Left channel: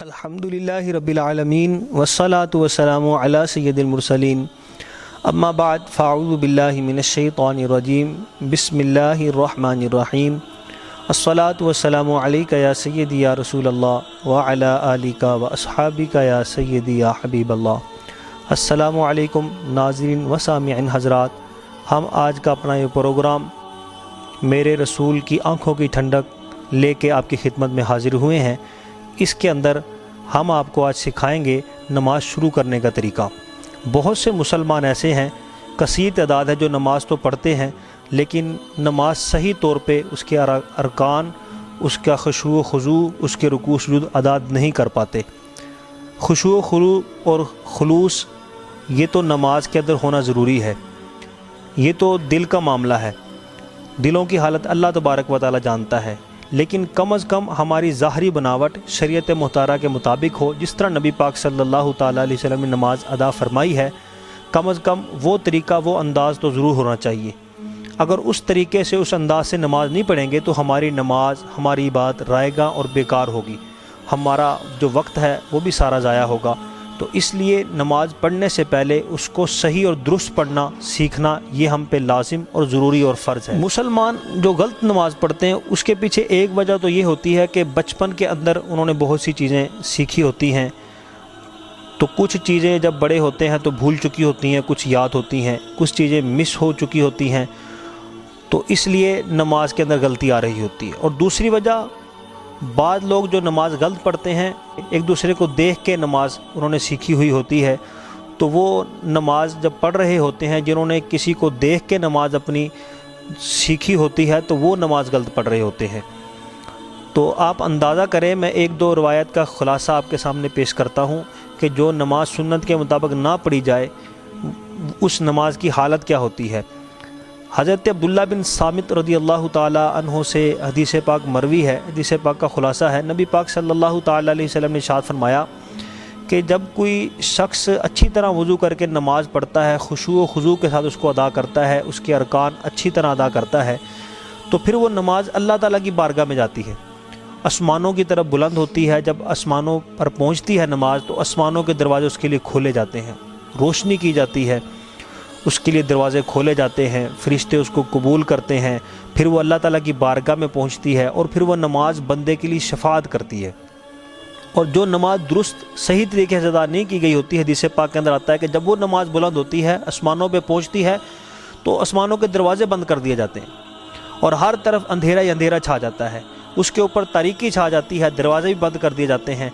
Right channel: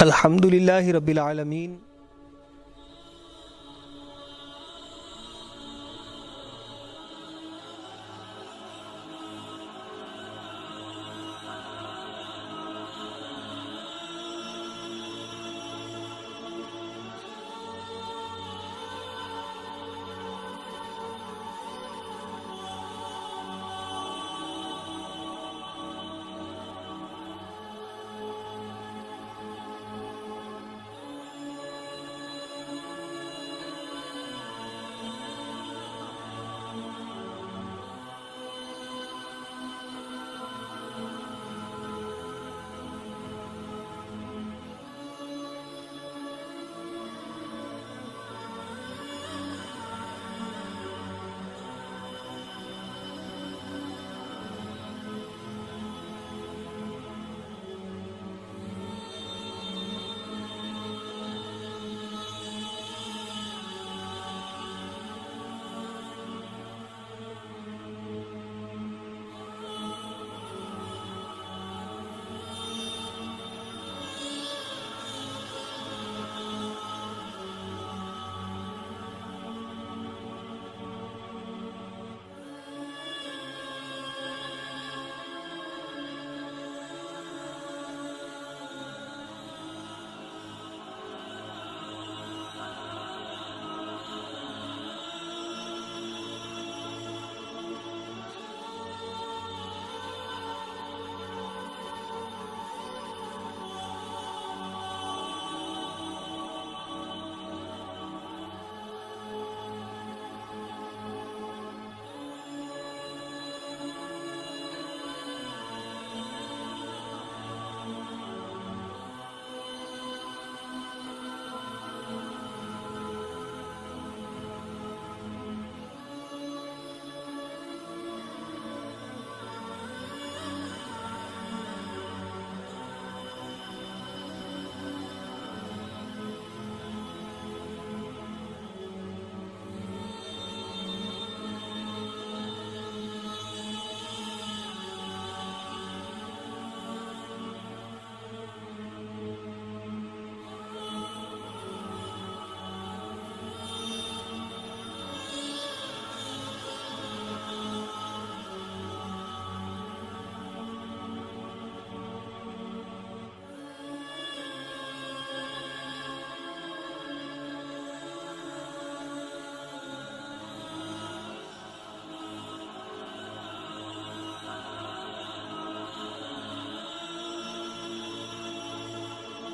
الحمدللہ رب العالمین والصلاة والسلام علی سید المرسلین اما بعد فاعوذ باللہ من الشیطان الرجیم بسم اللہ الرحمن الرحیم الصلاة والسلام علیکہ یا سیدی یا رسول اللہ وعلی آلکہ واصحابکہ یا سیدی یا حبیب اللہ۔ السلام علیکم ناظرین و سامعین حضرات، ہم آج کا اپنا یہ پروگرام میرے رسول کی آنکھوں کی ٹھنڈک لے کے آپ کی خدمت میں حاضر ہوئے ہیں۔ اس کے اندر ہم آپ کو آج سکھائیں گے نماز شروع کرنے کا طریقہ۔ بہت سے مسلمان ایسے ہیں، کثیر تعداد ہے، جو نماز تو پڑھتے ہیں لیکن نماز صحیح طور پہ اس کے ارکان، اس کا خشوع و خضوع، اس کے رکوع سجود ادا نہیں کر پاتے۔ خشوع و خضوع اور خلوص یہ تو نماز کے اندر ہونا ضروری ہے، یہ تو دل کا معاملہ ہے، دلوں کی حالت اللہ تبارک و تعالی جانتا ہے، لیکن کم از کم ہماری ظاہری بناوٹ شریعت مطہرہ کے مطابق ہو، جس طرح نبی پاک صلی اللہ تعالیٰ علیہ وسلم نے نماز ادا فرمائی ہے، کم از کم وہ طریقہ، وہ انداز تو ضرور ہونا چاہیے۔ اگر اس طریقے سے، اس انداز سے نماز نہیں پڑھیں گے تو ہماری نماز، ہماری عبادت رائے گاں اور بیکار ہوگی، ہمارا جو وقت ہے وہ بھی سارا ضائع ہوگا۔ تو اس لیے نماز پڑھنے سے پہلے اس کو صحیح اور درست پڑھنا سیکھنا یہ ہم پہ لازم اور ضروری اور فرض ہے۔ مسلمان جو غلط نماز پڑھتے ہیں اس کے پیچھے ایک وجہ تو یہ ہوتی ہے کہ بچپن کے اندر انہوں نے بہت سی چیزیں سیکھی ہوتی ہیں، تو کچھ چیزیں جب بڑے ہوتے ہیں تو بھول چکی ہوتی ہیں، کچھ یاد ہوتی ہیں، کچھ چیزیں مس ہو چکی ہوتی ہیں، تو اس لیے نماز کے اندر غلطی آ رہی ہوتی ہے۔ اور دوسری وجہ، بعض لوگ جو نماز غلط پڑھتے ہیں، ایک دوسرے کو دیکھ کے نماز انہوں نے سیکھی ہوئی ہوتی ہے، تو وہ نماز جب پڑھ رہے ہوتے ہیں، جنہوں نے کسی کو دیکھ کے نماز اپنی سیکھی ہوتی ہے، تو وہ نماز غلط پڑھ رہے ہوتے ہیں۔ تو آپ اندازہ کریں، میں ایک دو روایت کا خلاصہ آپ کے سامنے پیش کرتا ہوں کہ جو نماز سنت کے مطابق نہ پڑھی جائے اس نماز کی حالت کیا ہوتی ہے۔ حضرت عبداللہ بن صامت رضی اللہ تعالیٰ عنہ سے حدیث پاک مروی ہے، حدیث پاک کا خلاصہ ہے، نبی پاک صلی اللہ تعالیٰ علیہ وسلم نے ارشاد فرمایا کہ جب کوئی شخص اچھی طرح وضو کر کے نماز پڑھتا ہے، خشوع و خضوع کے ساتھ اس کو ادا کرتا ہے، اس کے ارکان اچھی طرح ادا کرتا ہے، تو پھر وہ نماز اللہ تعالیٰ کی بارگاہ میں جاتی ہے، آسمانوں کی طرف بلند ہوتی ہے۔ جب آسمانوں پر پہنچتی ہے نماز تو آسمانوں کے دروازے اس کے لیے کھولے جاتے ہیں، روشنی کی جاتی ہے، اس کے لیے دروازے کھولے جاتے ہیں، فرشتے اس کو قبول کرتے ہیں، پھر وہ اللہ تعالیٰ کی بارگاہ میں پہنچتی ہے، اور پھر وہ نماز بندے کے لیے شفاعت کرتی ہے۔ اور جو نماز درست صحیح طریقے سے ادا نہیں کی گئی ہوتی ہے، حدیث پاک کے اندر آتا ہے کہ جب وہ نماز بلند ہوتی ہے، آسمانوں پہ پہنچتی ہے، تو آسمانوں کے دروازے بند کر دیے جاتے ہیں اور ہر طرف اندھیرا ہی اندھیرا چھا جاتا ہے، اس کے اوپر تاریکی چھا جاتی ہے، دروازے بھی بند کر دیے جاتے ہیں۔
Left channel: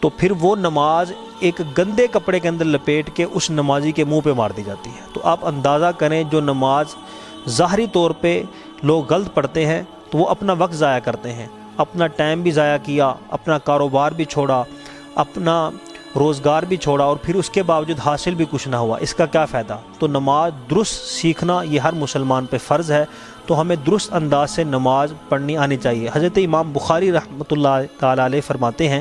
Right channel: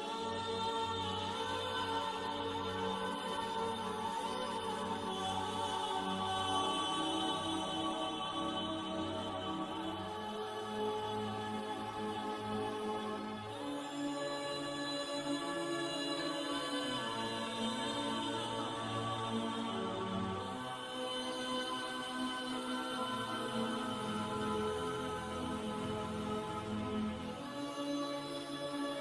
تو پھر وہ نماز ایک گندے کپڑے کے اندر لپیٹ کے اس نمازی کے منہ پہ مار دی جاتی ہے۔ تو آپ اندازہ کریں، جو نماز ظاہری طور پہ لوگ غلط پڑھتے ہیں تو وہ اپنا وقت ضائع کرتے ہیں، اپنا ٹائم بھی ضائع کیا، اپنا کاروبار بھی چھوڑا، اپنا روزگار بھی چھوڑا، اور پھر اس کے باوجود حاصل بھی کچھ نہ ہوا، اس کا کیا فائدہ؟ تو نماز درست سیکھنا یہ ہر مسلمان پہ فرض ہے، تو ہمیں درست انداز سے نماز پڑھنی آنی چاہیے۔ حضرت امام بخاری رحمۃ اللہ تعالیٰ علیہ فرماتے ہیں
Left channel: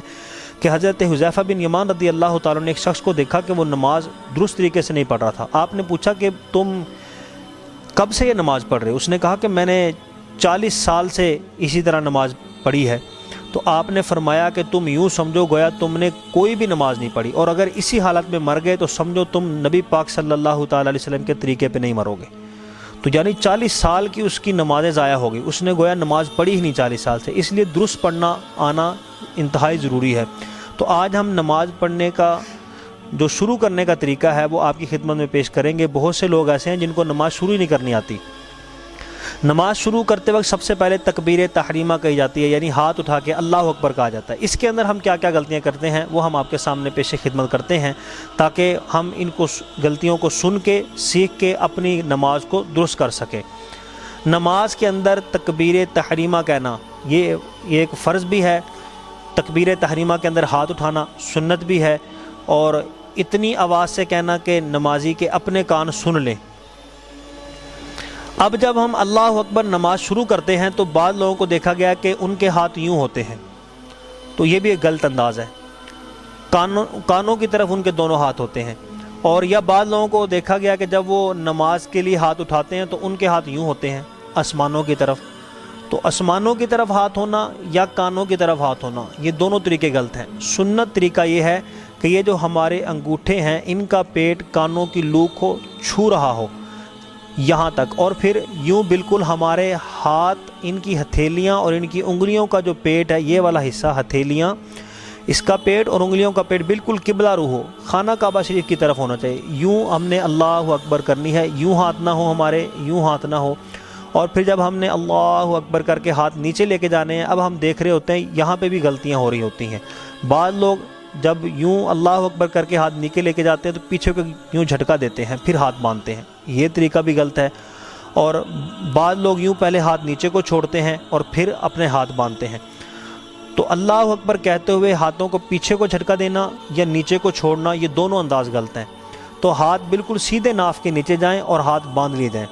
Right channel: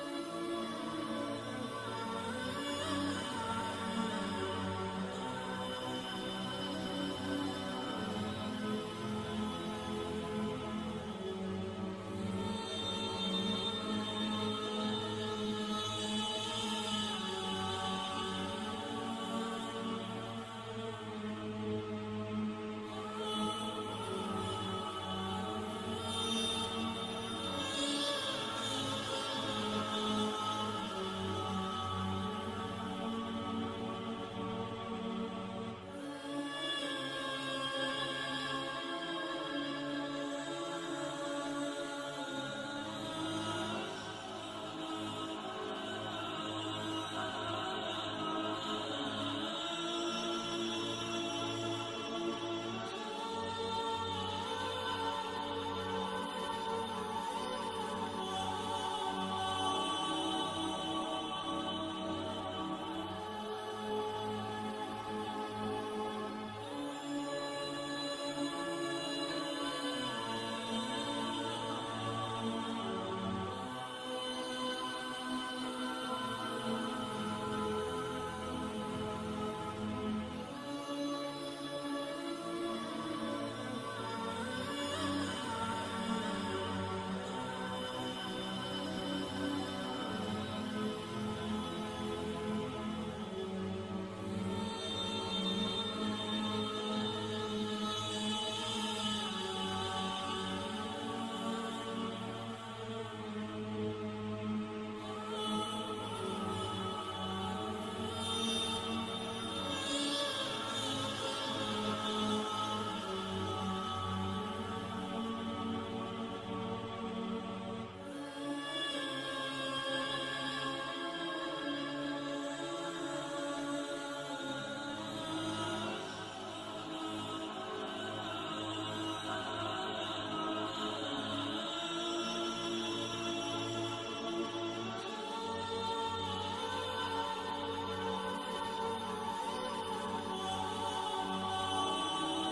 کہ حضرت حذیفہ بن یمان رضی اللہ تعالیٰ نے ایک شخص کو دیکھا کہ وہ نماز درست طریقے سے نہیں پڑھ رہا تھا۔ آپ نے پوچھا کہ تم کب سے یہ نماز پڑھ رہے ہو؟ اس نے کہا کہ میں نے 40 سال سے اسی طرح نماز پڑھی ہے۔ تو آپ نے فرمایا کہ تم یوں سمجھو گویا تم نے کوئی بھی نماز نہیں پڑھی، اور اگر اسی حالت میں مر گئے تو سمجھو تم نبی پاک صلی اللہ تعالیٰ علیہ وسلم کے طریقے پہ نہیں مرو گے۔ تو یعنی 40 سال کی اس کی نمازیں ضائع ہو گئی، اس نے گویا نماز پڑھی ہی نہیں 40 سال سے، اس لیے درست پڑھنا آنا انتہائی ضروری ہے۔ تو آج ہم نماز پڑھنے کا جو شروع کرنے کا طریقہ ہے وہ آپ کی خدمت میں پیش کریں گے۔ بہت سے لوگ ایسے ہیں جن کو نماز شروع ہی نہیں کرنی آتی۔ نماز شروع کرتے وقت سب سے پہلے تکبیر تحریمہ کہی جاتی ہے، یعنی ہاتھ اٹھا کے اللہ اکبر کہا جاتا ہے۔ اس کے اندر ہم کیا کیا غلطیاں کرتے ہیں وہ ہم آپ کے سامنے پیش خدمت کرتے ہیں، تاکہ ہم ان کو غلطیوں کو سن کے سیکھ کے اپنی نماز کو درست کر سکیں۔ نماز کے اندر تکبیر تحریمہ کہنا یہ ایک فرض بھی ہے، تکبیر تحریمہ کے اندر ہاتھ اٹھانا سنت بھی ہے، اور اتنی آواز سے کہنا کہ نمازی کے اپنے کان سن لیں۔ اب جب ہم اللہ اکبر نماز شروع کرتے ہیں تو بعض لوگوں کو دیکھا گیا کہ ان کے ہاتھ یوں ہوتے ہیں، تو یہ بھی ایک غلط انداز ہے، کانوں کی طرف ان کے دونوں ہاتھ ہوتے ہیں۔ اور یا بعض لوگوں کو دیکھا گیا کہ جب وہ نماز کے لیے ہاتھ اٹھاتے ہیں تو ان کے ہاتھ یوں ہوتے ہیں آسمانوں کی طرف، تو آسمانوں کی طرف ہاتھ ہونا یا کانوں کی طرف ہاتھ ہونا، یہ دونوں طریقے غلط ہیں۔ سنت طریقہ یہ ہے کہ یہ جو ہمارے انگوٹھے ہیں ان کا پیٹ کانوں کی لوک کو چھو رہا ہو یہاں تک، اور پھر یوں بالکل ہمارے ہاتھ، ان کی ہتھیلیاں اور ان کی انگلیوں کا جو پیٹ ہے، یہ والا حصہ ہتھیلیاں، اس کا پیٹ اور انگلیوں کا پیٹ بالکل قبلہ رو ہو، خانہ کعبہ شریف کی طرف ہونا چاہیے۔ یوں ہم نے اللہ اکبر کرنی ہے، یوں ہاتھ نہ ہو ہمارے، یوں ہاتھ نہ ہو۔ اور پھر جب ہم نے اللہ اکبر کر کے ہاتھ نیچے لے کے جانے ہیں، اب ہم دیکھ رہے ہوتے ہیں یہاں پہ بھی غلطیاں ہو رہی ہوتی ہیں۔ بعض لوگ جب یوں اللہ اکبر کر کے ہاتھ نیچے لے کے جاتے ہیں تو پیچھے کو یوں جھٹکا دیتے ہیں، پھر ہاتھ باندھتے ہیں، یہ طریقہ بھی غلط ہے۔ اور بعض لوگ یوں پہلے ہاتھ نیچے کو چھوڑتے ہیں اور پھر اپنے ہاتھ باندھتے ہیں۔ تو اللہ اکبر کہتے ہوئے ہاتھوں کو پیچھے کو جھٹکا دینا یا نیچے کو چھوڑنا، یہ دونوں انداز غلط ہیں۔ تو ہاتھ بالکل سیدھے ناف کے نیچے جائیں اور ہاتھ باندھ لیے جائیں۔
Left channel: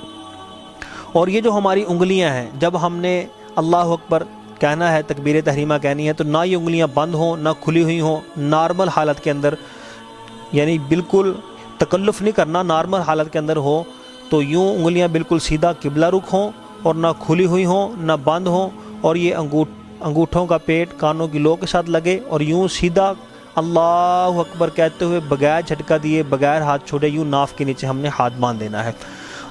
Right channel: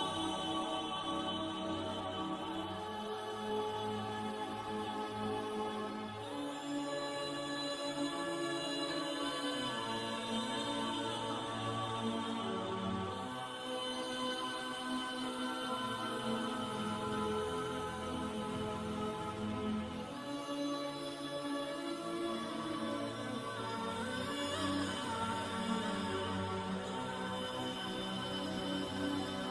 اور یہ جو ہماری انگلیاں ہیں، جب ہم نے اللہ اکبر کہنا ہے، تکبیر تحریمہ کہنی ہے، تو نہ یہ انگلیاں بند ہوں نہ کھلی ہوئی ہوں، نارمل حالت کے اندر، یعنی بالکل تکلف نہیں کرنا، نارمل حالت کے اندر ہو تو یوں انگلیاں بالکل سیدھا قبلہ رخ ہوں اور نہ کھلی ہوئی ہوں نہ بند ہوں، اور یہ انگوٹھوں کا پیٹ کانوں کی لو کے ساتھ لگے، اور یوں سیدھا اللہ اکبر کہتے ہوئے بغیر جھٹکا دیے، بغیر ہاتھ چھوڑے، یوں ناف کے نیچے ہم نے ہاتھ باندھ دینا ہے۔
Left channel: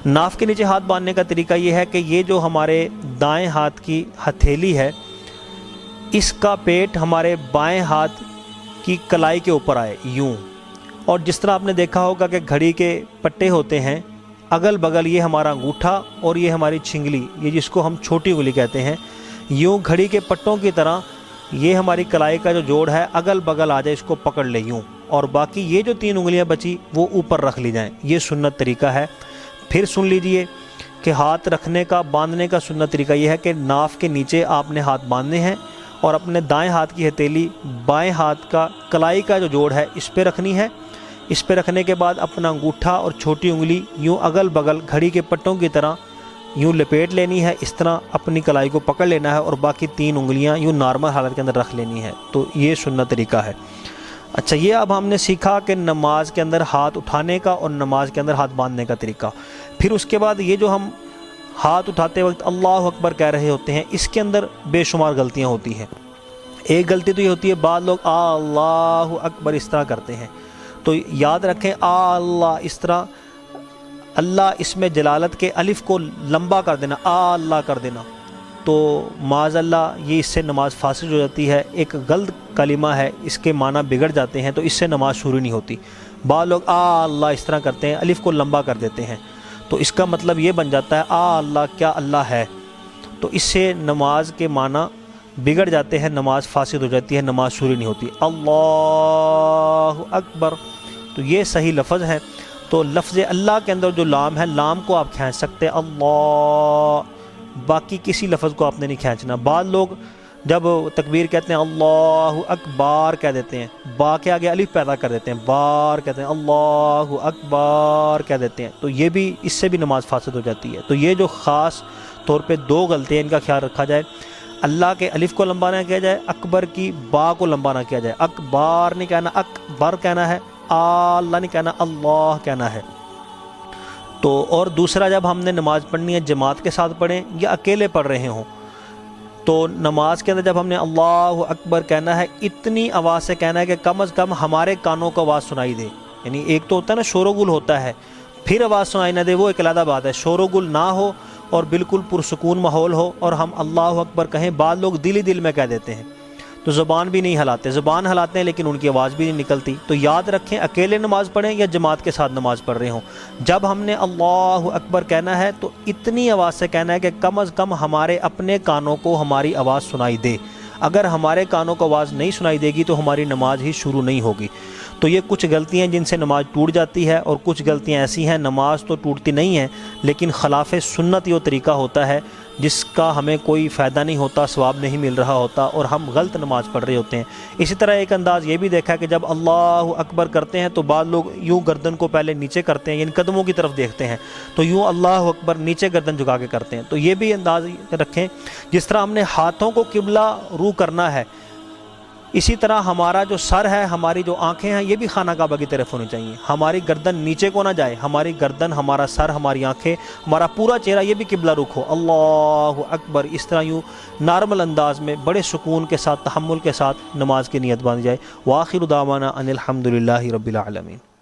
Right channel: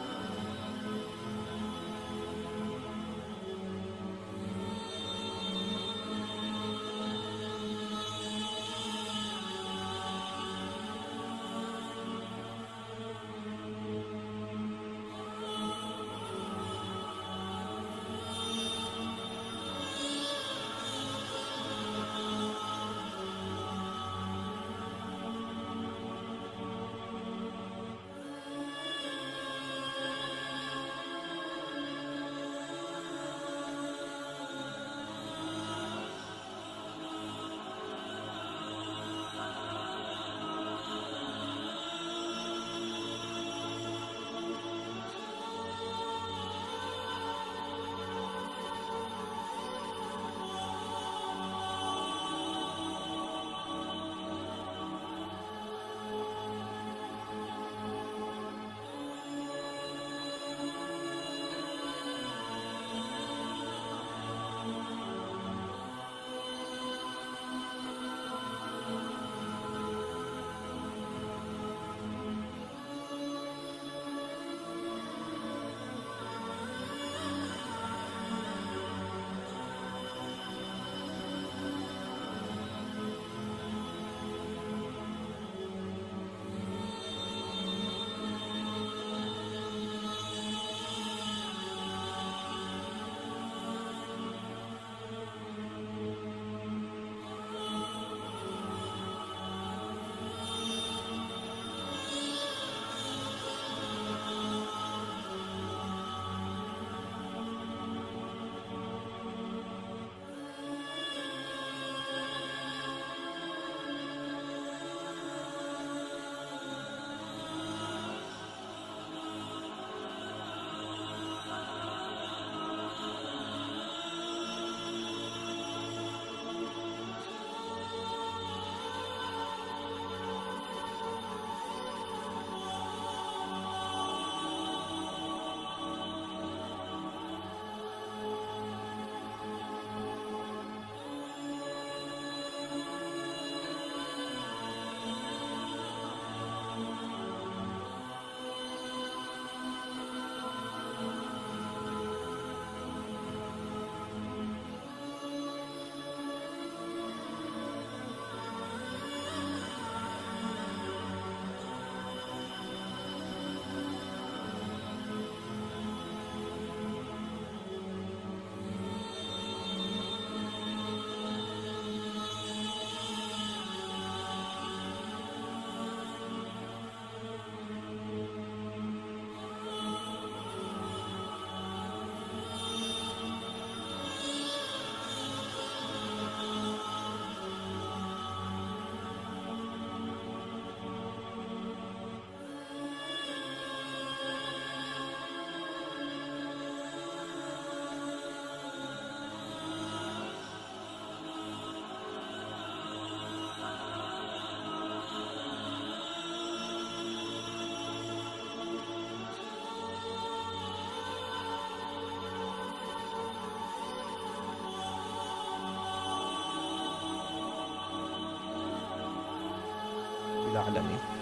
ناف کے نیچے ہاتھ باندھنے کا طریقہ یہ ہے کہ یہ جو ہمارے دائیں ہاتھ کی ہتھیلی ہے، اس کا پیٹ ہمارے بائیں ہاتھ کی کلائی کے اوپر آئے یوں، اور جس طرح آپ نے دیکھا ہوگا کہ گھڑی کے پٹے ہوتے ہیں، اگل بغل یہ ہمارا انگوٹھا اور یہ ہماری چھنگلی، یہ جس کو ہم چھوٹی انگلی کہتے ہیں، یوں گھڑی کے پٹوں کی طرح یہ ہماری کلائی کا جو جوڑ ہے اگل بغل آ جائے، اس کو پکڑ لے یوں، اور باقی یہ جو 3 انگلیاں بچی وہ اوپر رکھ لی جائیں۔ یہ سنت طریقہ ہے۔ پھر سن لیجئے کہ ہاتھ رکھنے کا، باندھنے کا سنت طریقہ یہ ہے کہ ناف کے نیچے آپ نے ہاتھ باندھنے ہیں اور اپنے دائیں ہاتھ کی ہتھیلی بائیں ہاتھ کا کلائی کا جو جوڑ ہے اس پہ رکھنی ہے۔ اس پہ رکھنے کے بعد اپنا انگوٹھا اور چھوٹی انگلی یوں اگل بغل گھڑی کے پٹوں کی طرح یوں لپیٹ لینی ہے، اس طرح اپنی کلائی کو پکڑ لینا ہے، اور باقی 3 انگلیاں یوں نارمل حالت کے اندر رکھ لینی ہے۔ تو یہ سنت طریقہ ہے۔ اچھا، یہ اب ہم نے سیکھا کہ نماز کے اندر ہاتھ اٹھانے کا اور نماز کے اندر ہاتھ باندھنے کا طریقہ۔ پھر اس کے بعد یہ جو ہم ہاتھ اٹھاتے وقت اللہ اکبر کہہ رہے ہوتے ہیں، اس کے اندر بے شمار غلطیاں ہوتی ہیں۔ ایک غلطی تو یہ ہوتی ہے، بعض لوگ اللہ اکبر اس طرح کرتے ہیں، تو یاد رکھیں اللہ اس طرح، اللہ اس میں جلالت کے الف کو لمبا کر دینا، اللہ کر دینا، تو معاذ اللہ یہ اس سے نماز فاسد ہو جاتی ہے، ایک غلط کلمہ ہے، اس کے معنی بگڑ جاتے ہیں، تو اس سے نماز شروع نہیں ہوتی۔ بعض لوگ اللہ اس طرح کرتے ہیں، الف کو لمبا کر دیتے ہیں، تو اس کا مطلب یہ بن جاتا ہے اللہ، کیا اللہ ہے، تو اس سے نماز کے معنی بگڑ جاتے ہیں، نماز فاسد ہو جاتی ہے، نماز شروع نہیں ہوتی۔ اللہ اکبر، تو یہ صحیح لفظ ہے۔ تو لفظ اللہ کے اندر جو لام ہے، لام کو آپ کھینچ سکتے ہیں اللہ، باقی کسی لفظ کو آپ نے نہیں کھینچنا۔ بعض لوگ جب تکبیر کہتے ہیں اللہ اکبار کہہ دیتے ہیں، با کے آگے الف پیدا کر دیتے ہیں، بار کہتے ہیں، اللہ اکبار کہہ دیتے ہیں، تو یہ بھی، اس سے بھی نماز فاسد ہو جاتی ہے۔ تو یہ جو خاص طور پہ 2 غلطیاں، ان کا خیال رکھا جائے، اللہ کے الف کو لمبا نہ کیا جائے، اکبر کی با کو لمبا نہ کیا جائے، اکبار نہیں کہنا، اکبر کہنا ہے، اللہ نہیں کہنا، اللہ کہنا ہے۔ تو اور دوسرا، جب ہم نے نماز پڑھنی ہے جماعت کے ساتھ پڑھیں یا اکیلے پڑھ رہے ہوں، تو نماز کے اندر جب ہم نے اللہ اکبر کہنا ہے، اتنی آواز سے کہنا ہے کہ کم از کم ہمارے کانوں کو آواز سنائی دے۔ یعنی ایک تو ہوتا ہے نا شور و گل ہوتا ہے، پھر آواز سنائی نہ دے، وہ ایک علیحدہ بات ہے۔ شور و گل نہ ہو اور بالکل پرسکون ماحول ہو اور ہم اللہ اکبر کہیں، بعض لوگ دل ہی دل میں کہہ دیتے ہیں، تو زبان بھی نہیں ہلاتے، زبان ہلاتے ہیں لیکن ان کی آواز بھی نہیں نکلتی۔ تو یاد رکھیں، اکیلے نماز پڑھیں یا جماعت کے ساتھ نماز پڑھ رہے ہوں، جب ہم نے اللہ اکبر کہنا ہے تو اتنی آواز سے کہنا ہے کہ کم از کم ہمارے اپنے کانوں کو ہماری آواز سنائی دے۔ اگر ہمارے کانوں کو آواز نہیں سنائی دے گی تو ہماری نماز ہی شروع نہیں ہوگی۔ تو یہ کچھ غلطیاں جن سے نماز ٹوٹ جاتی ہے، اور کچھ غلطیاں ایسی ہیں نماز تو ٹوٹتی نہیں ہیں لیکن خلاف سنت یہ طریقہ ہوتا ہے جس کا ہمیں کوئی فائدہ نہیں ہوتا، ثواب نہیں مل رہا ہوتا، اور ہم غلط نماز پڑھ رہے ہوتے ہیں۔ اسی طرح ایک انداز یہ بھی دیکھا کہ جب اللہ اکبر کرتے ہیں تو بعض لوگ یوں گردن کو پہلے نیچے کرتے ہیں، یعنی قدموں کی طرف دیکھتے ہیں، تو یوں اللہ اکبر نیچے گردن جھکا کے کرتے ہیں۔ تو یہ بھی انداز رکھیں، جس طرح ہم نے ہاتھوں کو قبلہ رو کرنا ہے، اسی طرح ہمارا جو سر ہے، ہماری جو آنکھیں ہیں، یہ بھی خانہ کعبہ کی طرف ہونی چاہیے. ہماری گردن نیچے کو نہ جائے، ہماری گردن، ہمارا سر، ہماری آنکھیں، ہمارا پورا چہرہ یہ بھی قبلہ رخ ہو. اللہ اکبر. اس طرح یوں نارمل انداز میں بڑے سکون کے ساتھ، تحمل کے ساتھ نماز کی نیت باندھی جائے. وآخر دعوانا ان الحمد للہ رب العالمین.